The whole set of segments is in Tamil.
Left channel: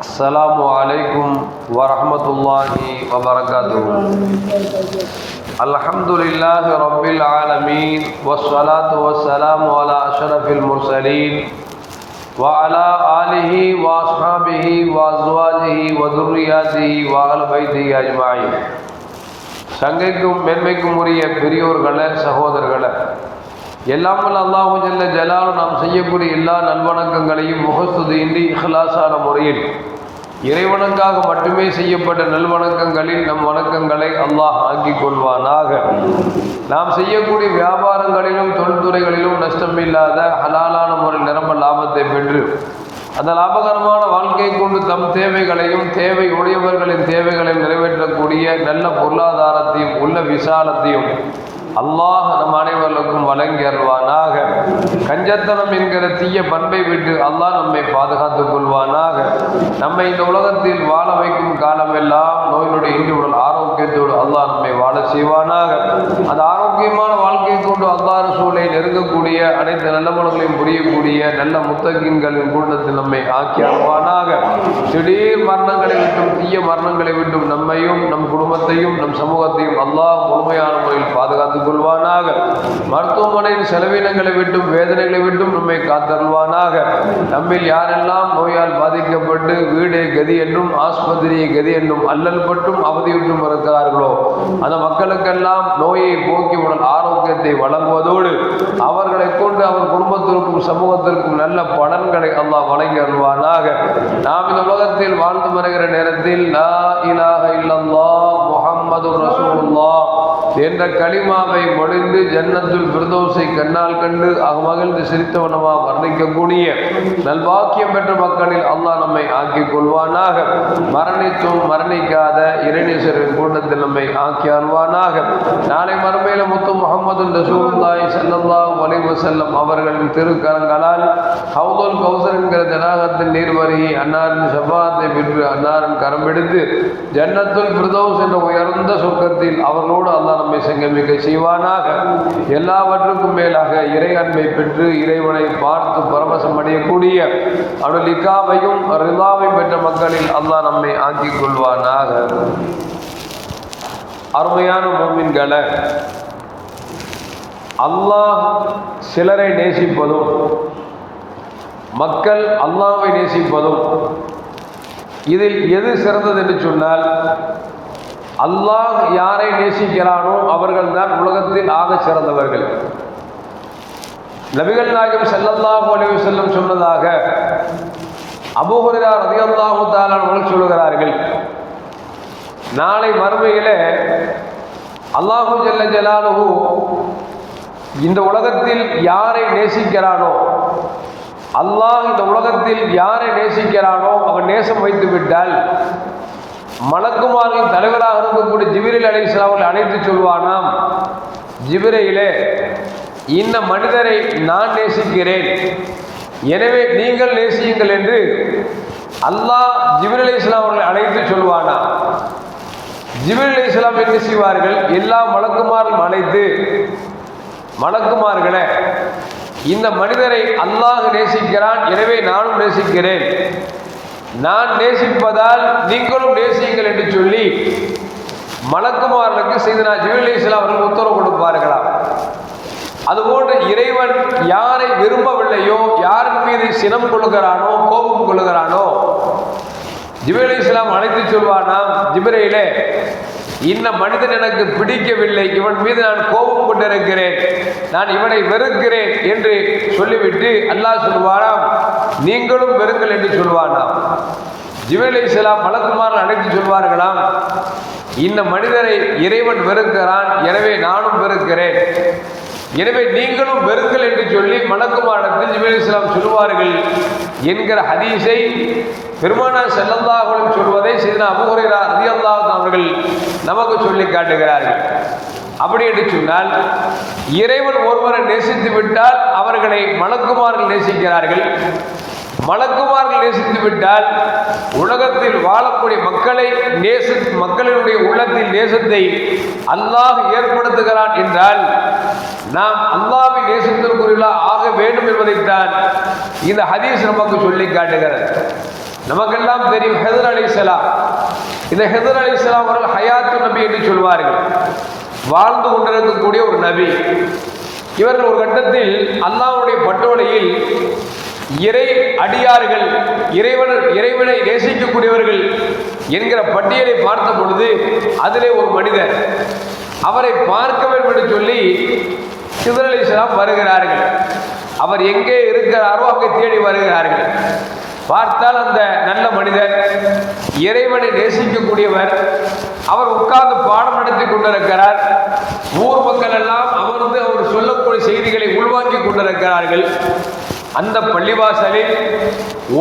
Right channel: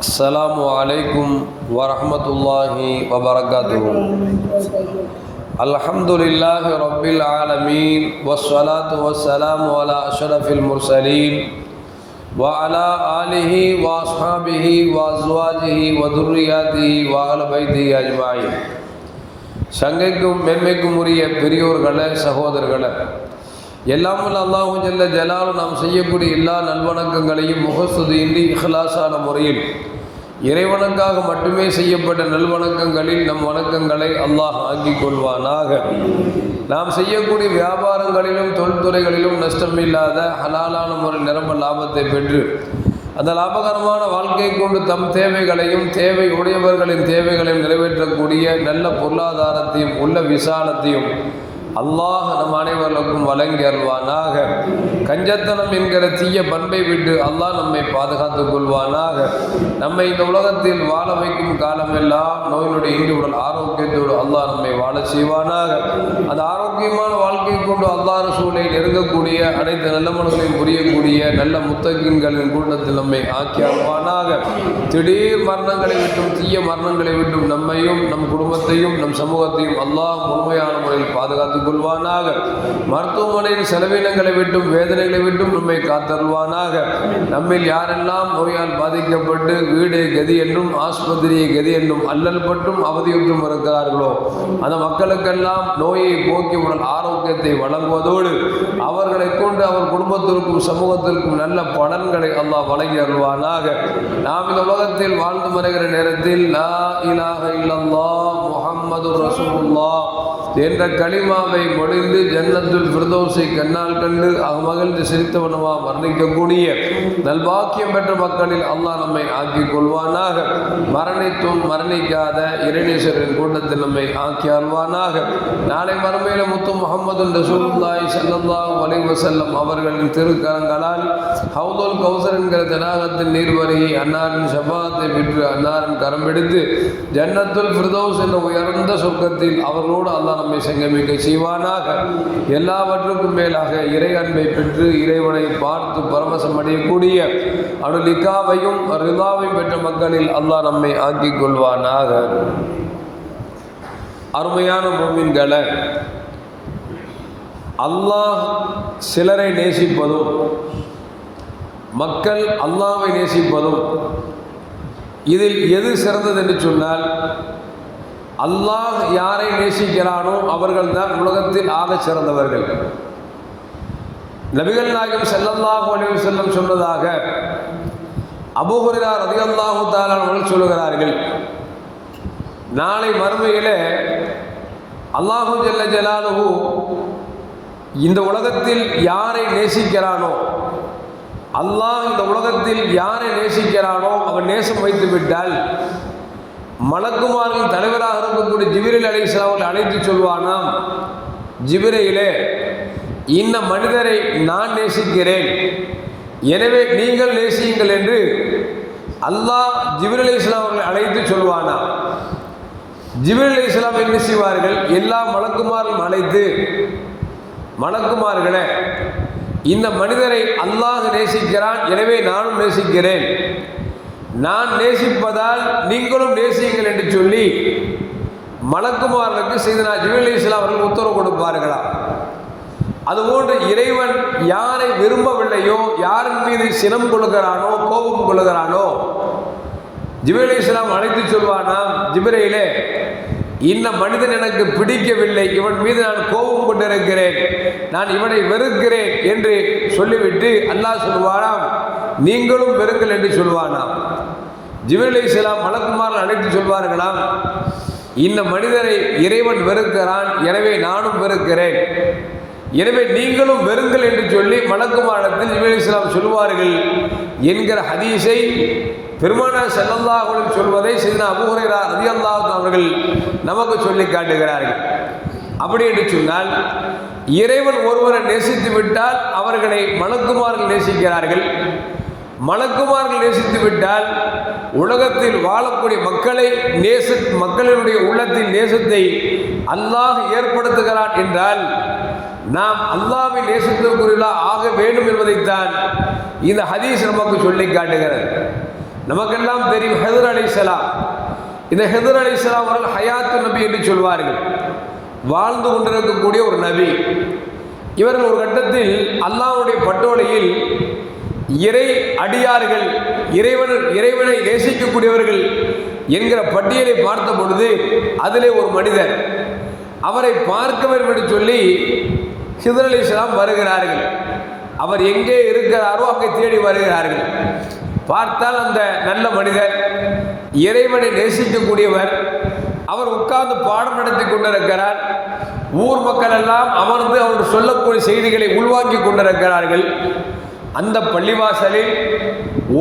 السلام عليكم ورحمة الله وبركاته الحمد لله رب العالمين والصلاة والسلام على أشرف المرسلين وعلى آله وأصحابه وأزواجه وذرياته وأهل بيته أجمعين சங்கைக்கும் மென்மைக்கும் உரிய பெரியோர்களே சகோதரர்களே எல்லாம் வல்ல அல்லாஹு ஜல்ல ஜலாலும் நாம் செய்யக்கூடிய எல்லா நல்வணக்கங்களையும் முகஸ்துதியின்றி இஹ்லாசான முறையில் இறைவனுக்காக மட்டுமே செய்யப்பட்ட நல்வணக்கங்களில் நம் வணக்கங்களை அல்லாஹ் ஆக்கிக் கொள்வானாக. நாம் செய்யக்கூடிய வியாபாரங்களிலும் தொழில்துறைகளிலும் நஷ்டமில்லாத ஹலாலான முறை நிரம்ப லாபத்தை பெற்று அந்த லாபகரமான வாழ்க்கை கொண்டு தம் தேவைகளையும் தேவை உடையவர்களின் தேவைகளையும் நிறைவேற்றக்கூடிய நல்ல பொருளாதாரத்தையும் உள்ள விசாலத்தையும் அல்லாஹ் நம் அனைவர்களுக்கும் வழங்கி அருள்வானாக. கஞ்சத்தனம் என்கிற தீய பண்பை விட்டு அல்லாஹ் நம்மை பாதுகாத்துக் கொள்வானாக. நம்மை இந்த உலகத்தில் வாழ வைக்கும் காலமெல்லாம் நோயினுடைய இன்று உடல் ஆரோக்கியத்தோடு அல்லாஹ் நம்மை வாழ செய்வானாக. அந்த ஆரோக்கியமான வாழ்க்கையை கொண்டு அல்லாஹ் சூழலை நெருங்கக்கூடிய அனைத்து நல்ல மனங்களையும் புரியக்கூடிய நல்ல முத்தகின்களின் கூட்டத்தில் நம்மை ஆக்கி அருவானாக திடீர் மரணங்களை விட்டும் தீய மரணங்களை விட்டும் நம்மையும் நம் குடும்பத்தையும் நம் சமூகத்தையும் அல்லாஹ் முழுமையான முறையில் பாதுகாத்துக் கொள்வானாக மருத்துவமனையின் செலவினங்களை விட்டும் வேதனைகளை விட்டும் நம்மை காத்தருள்வானாக. நம்மில் யாரெல்லாம் நோயால் பாதிக்கப்பட்டு வீடு கதி என்றும் ஆஸ்பத்திரி கதி என்றும் அல்லல் பட்டும் அவதியுற்றும் இருக்கிறார்களோ அந்த மக்களுக்கெல்லாம் நோயை போக்கி உடல் ஆரோக்கியத்தை வழங்குவதோடு அவர்களை கொண்டு அவர் குடும்பத்திற்கும் சமூகத்திற்கும் நல்ல பலன்களை அல்லாஹ் வழங்கி அருள்வானாக. நாம் இந்த உலகத்தில் வாழ்ந்து வருகிற நேரத்தில் லா இலாஹ இல்லல்லாஹ் முஹம்மது ரசூலுல்லாஹ் என்ற களிமாவை மொழிந்து ஜன்னத்துல் பிரதோசை கண்ணால் கண்டு அகமகிழ்ந்து சிரித்தவனவா வர்ணிக்கக்கூடிய நல்வாக்கியம் பெற்ற மக்களில் அல்லாஹ் நம்மை ஆக்கிக் கொள்வானாக. மரணித்தும் மரணிக்காத இரணீஸ்வரின் கூட்டத்தில் நம்மை ஆக்கி அல்வானாக நாளை மறுமையில முத்து முகமது ரசூல்லாய் ஸல்லல்லாஹு அலைஹி செல்லம் அவர்களின் திருக்கரங்களால் ஹவுதுல் கௌசர் என்கிற ஜனாகத்தின் நீர்வருகி அன்னாரின் செவ்வாத்தை விற்று அன்னாரின் கரம் எடுத்து ஜன்னத்துல் பிரதோஸ் என்ற உயர்ந்த சொர்க்கத்தில் அவர்களோடு அல்லாஹ் நம்மை சங்கமிக்க செய்வானாக எல்லாவற்றுக்கும் மேலாக இறை அன்பை பெற்று இறைவனை பார்த்து பரவசம் அடையக்கூடிய அவனுடைய லிக்காவையும் ரிதாவையும் பெற்ற மக்களில் அல்லாஹ் நம்மை ஆக்கிக் கொள்வானாக. அருமையான மோமின்களை அல்லாஹ் சிலரை நேசிப்பதும் மக்கள் அல்லாவை நேசிப்பதும் இதில் எது சிறந்தது என்று சொன்னால் அல்லாஹ் யாரை நேசிக்கிறானோ அவர்கள் தான் உலகத்தில் ஆக சிறந்தவர்கள். நபிகள் நாயகம் செல்லல்லாஹு அலைஹி செல்லும் சொன்னதாக அபுகுரியார் ரலியல்லாஹு சொல்லுகிறார்கள். நாளை மறுமையிலே அல்லாஹு ஜல்ல ஜலாலுஹு இந்த உலகத்தில் யாரை நேசிக்கிறானோ அல்லாஹ் இந்த உலகத்தில் யாரை நேசிக்கிறானோ அவன் நேசம் வைத்து விட்டால் மலக்குமாரின் தலைவராக இருக்கக்கூடிய ஜிபிரில் அலை அவர்களை அழைத்து சொல்வானாம். ஜிபிரையிலே இந்த மனிதரை நான் நேசிக்கிறேன். எனவே நீங்கள் நேசியுங்கள் என்று அல்லாஹ் ஜிபிர் அலி இஸ்லாம் அவர்களை அழைத்து சொல்வானா ஜிபிர் அலி இஸ்லாம் என்ன செய்வார்கள்? எல்லா மலக்குமாரும் அழைத்து மலக்குமார்களே இந்த மனிதரை அல்லாஹ் நேசிக்கிறான். எனவே நானும் நேசிக்கிறேன். நான் நேசிப்பதால் நீங்களும் நேசியுங்கள் என்று சொல்லி மலக்குமாரனுக்கு செய்தனா ஜிபில் இஸ்லாம் அவர்கள் உத்தரவு கொடுப்பார்களாம் அதுபோன்று இறைவன் யாரை விரும்பவில்லையோ யாரின் மீது சினம் கொள்கிறானோ கோபம் கொள்கிறானோ ஜிபில் இஸ்லாம் அழைத்து சொல்வானாம் ஜிபிரையிலே இந்த மனிதன் எனக்கு பிடிக்கவில்லை. இவன் மீது நான் கோபம் கொண்டிருக்கிறேன். நான் இவனை வெறுக்கிறேன் என்று சொல்லிவிட்டு அல்லாஹ் சொல்வானாம் நீங்களும் பெருங்கள் என்று சொல்வானாம். ஜிபில் இஸ்லாம் மலக்குமார் அழைத்து சொல்வார்களாம். இந்த மனிதரை இறைவன் வெறுக்கிறான் எனவே நானும் வெறுக்கிறேன். எனவே நீங்களும் வெறுங்கள் என்று சொல்லி மலக்குமாரத்தில் ஜிபில் இஸ்லாம் சொல்வார்கள் என்கிற ஹதீஸை பெருமானா செல்லந்தாகுடன் சொல்வதை சிதனா அபுஹுரைரா ரதியல்லாஹ் அவர்கள் நமக்கு சொல்லி காட்டுகிறார்கள். அப்படி என்று சொன்னால் இறைவன் ஒருவரை நேசித்து விட்டால் அவர்களை மலக்குமார்கள் நேசிக்கிறார்கள். மலக்குமார்கள் நேசித்து விட்டால் உலகத்தில் வாழக்கூடிய மக்களை நேச மக்களினுடைய உள்ளத்தில் நேசத்தை அல்லாஹ் ஏற்படுத்துகிறான் என்றால் நாம் அல்லாவை நேசத்திற்குரியலா ஆக வேண்டும் என்பதைத்தான் இந்த ஹதீஸ் நமக்கு சொல்லி காட்டுகிறது. நமக்கெல்லாம் தெரியும் ஹெதர் அலிசலாம் இந்த ஹெதர் அலிசலாம் அவர்கள் ஹயாத்து நபி என்று சொல்வார்கள். வாழ்ந்து கொண்டிருக்கக்கூடிய ஒரு நபி. இவர்கள் ஒரு கட்டத்தில் அல்லாஹ்வுடைய இறை அடியார்கள் இறைவனர் இறைவனை நேசிக்கக்கூடியவர்கள் என்கிற பட்டியலை பார்த்த பொழுது அதிலே ஒரு மனிதர் அவரை பார்க்க வேண்டும் என்று சொல்லி ஹிதர் அலிஸ்லாம் வருகிறார்கள். அவர் எங்கே இருக்கிறாரோ அங்கே தேடி வருகிறார்கள். பார்த்தால் அந்த நல்ல மனிதர் இறைவனை நேசிக்கக்கூடியவர் அவர் உட்கார்ந்து பாடம் நடத்தி கொண்டிருக்கிறார். ஊர் மக்கள் எல்லாம் அமர்ந்து அவர் சொல்லக்கூடிய செய்திகளை உள்வாங்கிக் கொண்டிருக்கிறார்கள். அந்த பள்ளிவாசலில்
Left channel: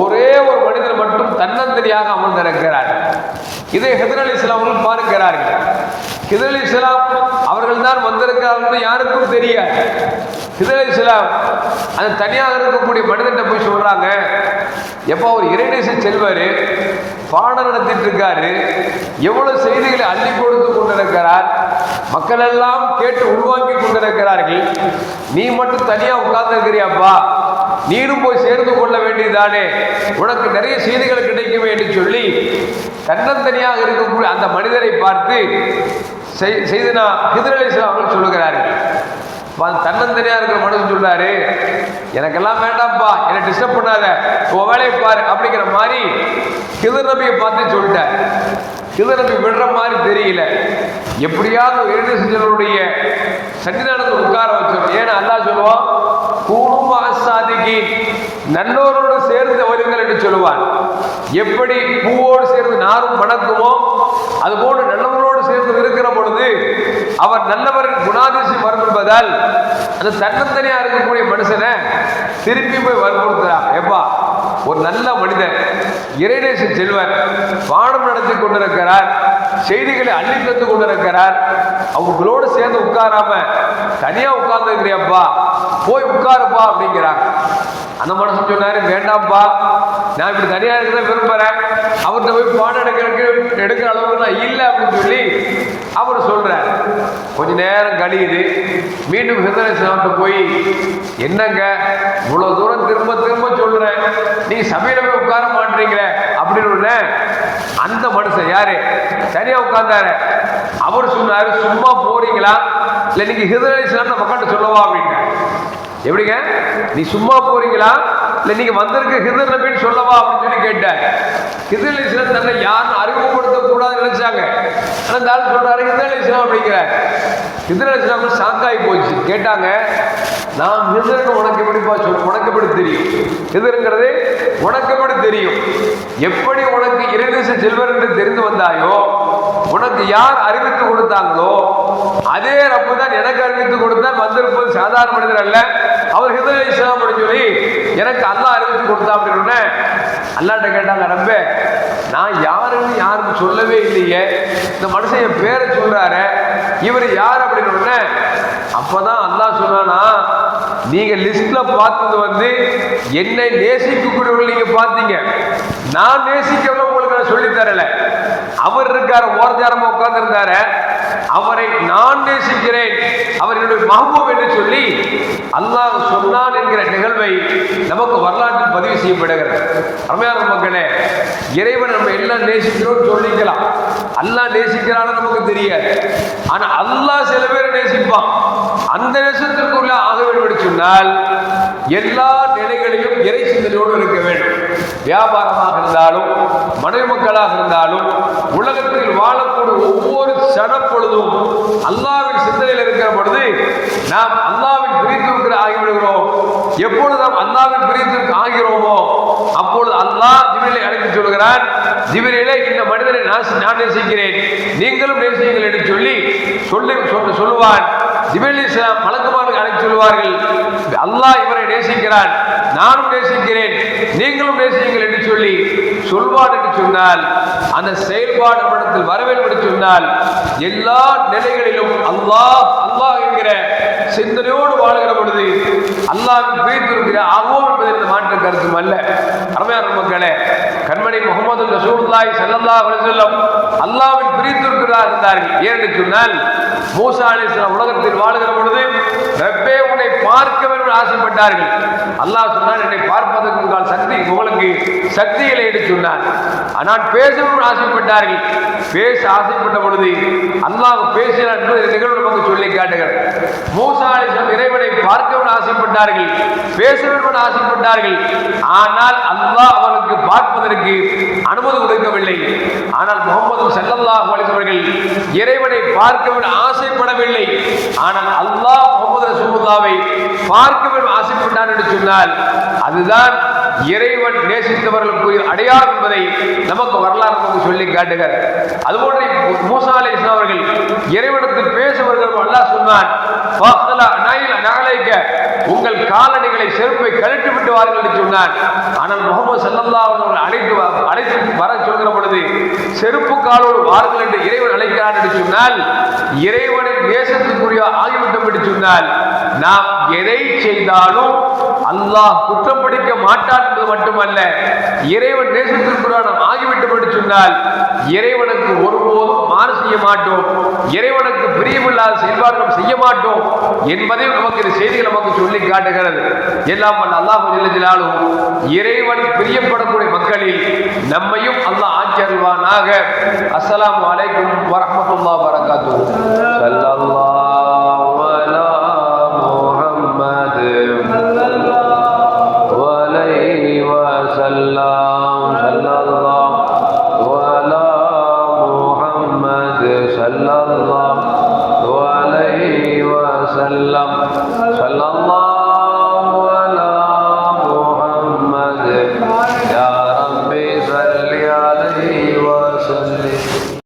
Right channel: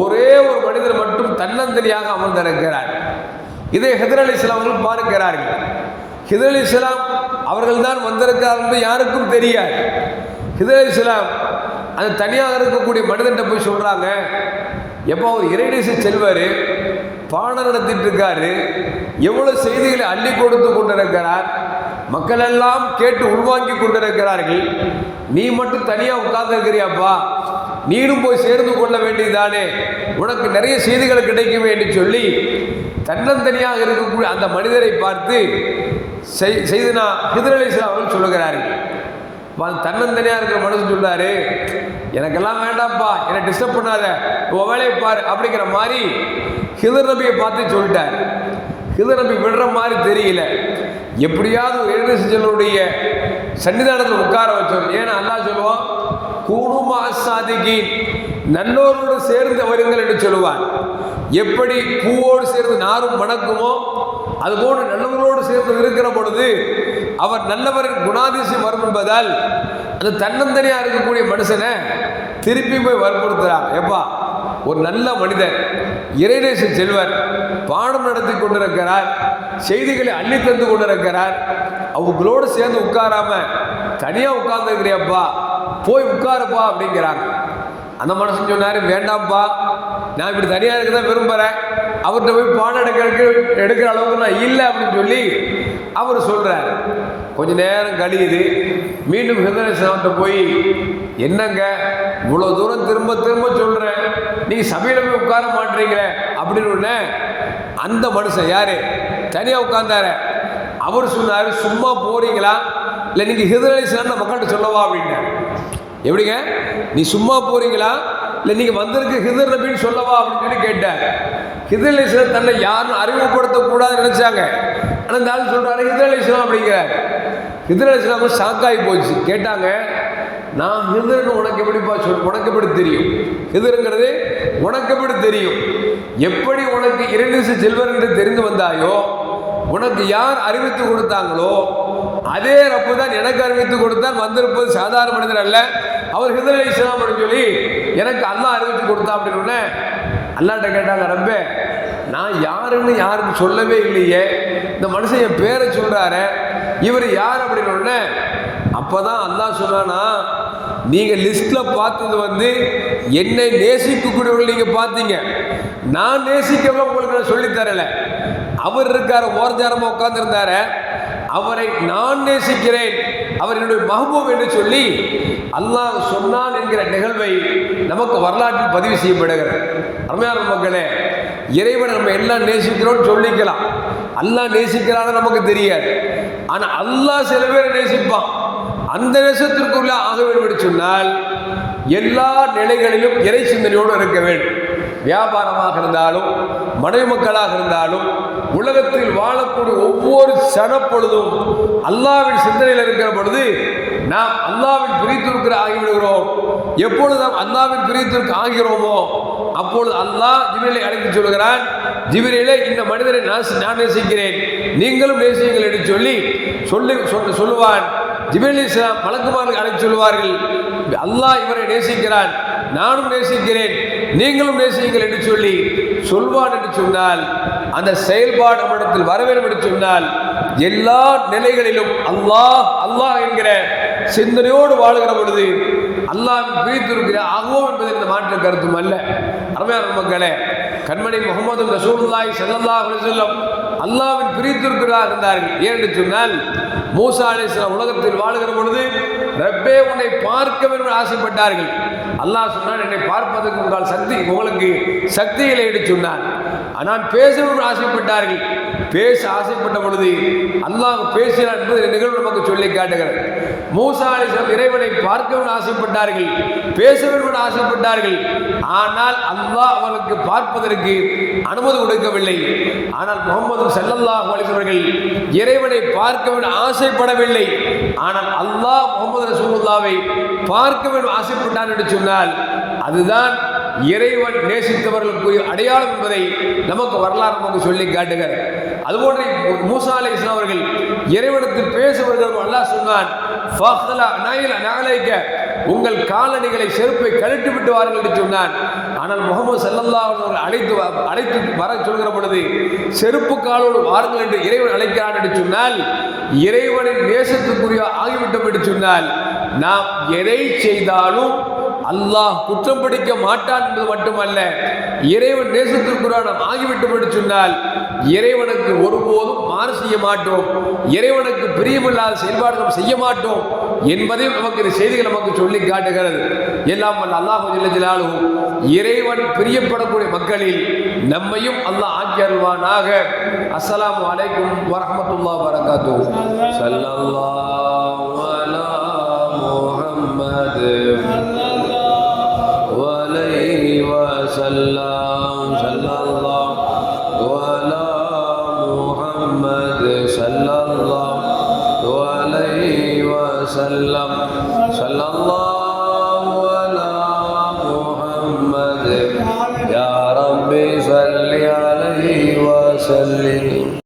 ஒரே ஒரு மனிதர் மட்டும் தன்னந்தனியாக அமர்ந்திருக்கிறார். இதை ஹிதர் அலி இஸ்லாமும் பார்க்கிறார்கள். ஹிதர் அலி இஸ்லாம் அவர்கள் தான் வந்திருக்கிறார் என்று யாருக்கும் தெரியாது. ஹிதர் அலி இஸ்லாம் அது தனியாக இருக்கக்கூடிய மனிதன்ட்ட போய் சொல்கிறாங்க எப்போ அவர் இறைநேசி செல்வார் பாடம் நடத்திட்டு இருக்காரு எவ்வளவு செய்திகளை அள்ளி கொடுத்து கொண்டிருக்கிறார் மக்கள் எல்லாம் கேட்டு உள்வாங்கி கொண்டிருக்கிறார்கள். நீ மட்டும் தனியா உட்கார்ந்து நீடும் நீனும் போய் சேர்ந்து கொள்ள வேண்டியதுதானே? உனக்கு நிறைய செய்திகள் கிடைக்குமே என்று சொல்லி தன்னந்தனியாக இருக்கக்கூடிய அந்த மனிதரை பார்த்து செய்தனா ஹிதர் அலி அவர்கள் சொல்லுகிறார்கள். தன்னந்தனியாக இருக்கிற மனுஷன் சொல்றாரு எனக்கெல்லாம் வேண்டாம்ப்பா என்னை டிஸ்டர்ப் பண்ணாத உன் வேலையை பாரு அப்படிங்கிற மாதிரி கிதர் நபியை பார்த்து சொல்லிட்டார். கிதர் நபி விடுற மாதிரி தெரியல. எப்படியாவது ஒரு இரண்டு செஞ்சவருடைய சன்னிதானத்தை உட்கார வச்சோம். ஏன்னா அல்லா சொல்லுவோம் கூடுமா சாதிக்கு நன்னோரோடு சேர்ந்து வருங்கள் என்று சொல்லுவான் எப்படி பூவோடு சேர்ந்து நாரும் மணக்குமோ அதுபோன்று நல்லவர்களோடு சேர்ந்து இருக்கிற பொழுது அவர் நல்லவரின் குணாதிசயம் வரும் என்பதால் அந்த தன்னந்தனியா இருக்கக்கூடிய மனுஷனை திருப்பி போய் வற்புறுத்துறார் எப்பா ஒரு நல்ல மனிதர் இறைநேச செல்வர் பாடம் நடத்தி கொண்டிருக்கிறார் செய்திகளை அள்ளி தந்து கொண்டிருக்கிறார். அவங்களோடு சேர்ந்து உட்காராம தனியா உட்கார்ந்துருக்கிறியப்பா. போய் உட்காருப்பா அப்படிங்கிறாங்க. அந்த மனுஷன் சொன்னார் வேண்டாம்ப்பா நான் இப்படி தனியாக இருக்க தான் விரும்புறேன். அவர்கிட்ட போய் பாடம் எடுக்கிறதுக்கு எடுக்கிற அளவுக்கு நான் இல்லை அப்படின்னு சொல்லி அவர் சொல்கிறார் கொஞ்ச நேரம் கழியுது. மீண்டும் ஹிருதயசாமிட்ட போய் என்னங்க இவ்வளோ தூரம் திரும்ப திரும்ப சொல்கிறேன் நீ சபையில் போய் உட்கார மாட்டீங்களே அப்படின்னு உடனே அந்த மனுஷன் யாரு? தனியாக உட்கார்ந்தாரு. அவர் சொன்னார் சும்மா போறீங்களா? இல்லை நீங்கள் நீங்க ஹிருதயசாமி மக்கள்கிட்ட சொல்லவா? அப்படின்னு எப்படிங்க? நீ சும்மா போறீங்களா? இல்லை நீங்க வந்திருக்க ஹிதர் நபின்னு சொல்லவா அப்படின்னு சொல்லி ஹிதர் அலிஸ்லாம் தன்னை யாரும் அறிமுகப்படுத்த கூடாதுன்னு நினைச்சாங்க. ஆனால் இந்த ஆள் சொல்றாரு ஹிதர் அலிஸ்லாம் அப்படிங்கிற. ஹிதர் அலிஸ்லாம் ஷாக்காகி போச்சு. கேட்டாங்க நான் ஹிதர்னு உனக்கு எப்படிப்பா சொல் உனக்கு எப்படி தெரியும்? ஹிதருங்கிறது உனக்கு எப்படி தெரியும்? எப்படி உனக்கு இரண்டு செல்வர் என்று தெரிந்து வந்தாயோ உனக்கு யார் அறிவித்து கொடுத்தாங்களோ அதே ரப்பு தான் எனக்கு அறிவித்து கொடுத்தான் வந்திருப்பது சாதாரண மனிதர் அல்ல. அவர் ஹிதர் இஸ்லாம் அப்படின்னு சொல்லி எனக்கு அல்லா அறிவித்து கொடுத்தா அப்படின்னு அல்லாட்ட கேட்டாங்க ரப்பே நான் யாருன்னு யாருக்கு சொல்லவே இல்லையே. இந்த மனுஷன் என் பேரை சொல்றாரு. இவர் யார் அப்படின்னு அப்பதான் அல்லா சொன்னானா நீங்க லிஸ்ட்ல பார்த்தது வந்து என்னை நேசிக்கக்கூடியவர்கள் நீங்க பார்த்தீங்க. நான் நேசிக்கவே உங்களுக்கு நான் சொல்லித் தரல. அவர் இருக்காரு ஓரஞ்சாரமா உட்கார்ந்து இருந்தாரு அவரை நான் நேசிக்கிறேன். அவர் என்னுடைய மகபூப் என்று சொல்லி அல்லாஹ் சொன்னான் என்கிற நிகழ்வை நமக்கு வரலாற்றில் பதிவு செய்யப்படுகிறது. அருமையான மக்களே இறைவன் நம்ம எல்லாம் நேசிக்கிறோம்னு சொல்லிக்கலாம். அல்லாஹ் நேசிக்கிறான்னு நமக்கு தெரியாது. ஆனால் அல்லாஹ் சில பேரை நேசிப்பான். அந்த நேசத்திற்குள்ள ஆக வேண்டும் என்று சொன்னால் எல்லா நிலைகளிலும் இறை சிந்தனையோடு இருக்க வேண்டும். வியாபாரமாக இருந்தாலும் மனைவி மக்களாக இருந்தாலும் உலகத்தில் வாழக்கூடிய ஒவ்வொரு சனப்பொழுதும் அல்லாவின் சிந்தனையில் இருக்கிற பொழுது நாம் அல்லாவின் பிரித்திருக்கிற ஆகிவிடுகிறோம். எப்பொழுது நாம் அல்லாவின் பிரித்திற்கு ஆகிறோமோ அப்பொழுது அல்லாஹ் ஜிபிரிலை அழைத்து சொல்கிறான் ஜிபிரிலே இந்த மனிதனை நான் நான் நேசிக்கிறேன். நீங்களும் நேசியுங்கள் என்று சொல்லி சொல்லி சொல்லுவான். ஜிபிரில் இஸ்லாம் மலக்குமாருக்கு அழைத்து சொல்வார்கள் அல்லாஹ் இவரை நேசிக்கிறான். நானும் நேசிக்கிறேன். நீங்களும் நேசியுங்கள் என்று சொல்லி சொல்வார் என்று சொன்னால் அந்த செயல்பாடு நம்மிடத்தில் வர வேண்டும் என்று சொன்னால் எல்லா நிலைகளிலும் அல்லாஹ் அல்லாஹ் என்கிற சிந்தனையோடு வாழ்கிற பொழுது அல்லாஹ் பிரித்திருக்கிற ஆகும் என்பது இந்த மாற்ற மாற்று கருத்தும் அல்ல. அருமையான மக்களே கண்மணி முகமது ரசூல்லாய் செல்லல்லா அலைஹி அல்லாவின் அல்லாஹ்வின் பிரித்திருக்கிறார் இருந்தார்கள் ஏன்னு சொன்னால் மூசா சில உலகத்தில் வாழுகிற பொழுது ரப்பே உன்னை பார்க்க வேண்டும் ஆசைப்பட்டார்கள். அல்லாஹ் சொன்னான் என்னை பார்ப்பதற்கு உங்கள் சக்தி உங்களுக்கு சக்திகளை எடுத்து சொன்னான். ஆனால் பேசணும்னு ஆசைப்பட்டார்கள். பேச ஆசைப்பட்ட பொழுது அல்லாஹ் பேசினார் என்பது நிகழ்வு நமக்கு சொல்லி காட்டுகிறது. மூசா இறைவனை பார்க்கவும் ஆசைப்பட்டார்கள் பேசணும்னு ஆசைப்பட்டார்கள். ஆனால் அல்லாஹ் அவருக்கு பார்ப்பதற்கு அனுமதி கொடுக்கவில்லை. ஆனால் முகமது ஸல்லல்லாஹு அவர்கள் இறைவனை பார்க்க வேண்டும் ஆசைப்படவில்லை. ஆனால் அல்லாஹ் முகமது ரசூலுல்லாவை பார்க்க வேண்டும் ஆசைப்பட்டார் என்று சொன்னால் அதுதான் இறைவன் நேசித்தவர்களுக்கு அடையாளம் என்பதை நமக்கு வரலாறு நமக்கு சொல்லி காட்டுகிறார். அதுபோன்று மூசா அலை அவர்கள் இறைவனுக்கு பேசுவதற்கு அல்லாஹ் சொன்னான் உங்கள் காலணிகளை செருப்பை கழட்டி விட்டு வாருங்கள் என்று சொன்னான். ஆனால் முகமது சல்லல்லா அவர்கள் அழைத்து வ- அழைத்து வர சொல்கிற பொழுது செருப்பு காலோடு வாருங்கள் என்று இறைவன் அழைக்கிறான் என்று சொன்னால் இறைவனின் நேசத்துக்குரிய ஆகிவிட்டோம் என்று சொன்னால் நாம் எதை செய்தாலும் அல்லாஹ் குற்றம் பிடிக்க மாட்டான் என்பது மட்டுமல்ல இறைவன் நேசத்திற்குரிய நாம் ஆகிவிட்டு என்று சொன்னால் இறைவனுக்கு ஒருபோதும் மாறு செய்ய மாட்டோம் இறைவனுக்கு பிரியமில்லாத செயல்பாடுகள் செய்ய மாட்டோம் என்பதையும் நமக்கு இந்த செய்திகள் நமக்கு சொல்லி காட்டுகிறது. எல்லாம் வல்ல அல்லாஹ் ஜல்ல இறைவன் பிரியப்படக்கூடிய மக்களில் நம்மையும் அல்லாஹ் ஆக்கி அருள்வானாக. அஸ்ஸலாமு அலைக்கும் வரஹ்மத்துல்லாஹி வரகாத்துஹு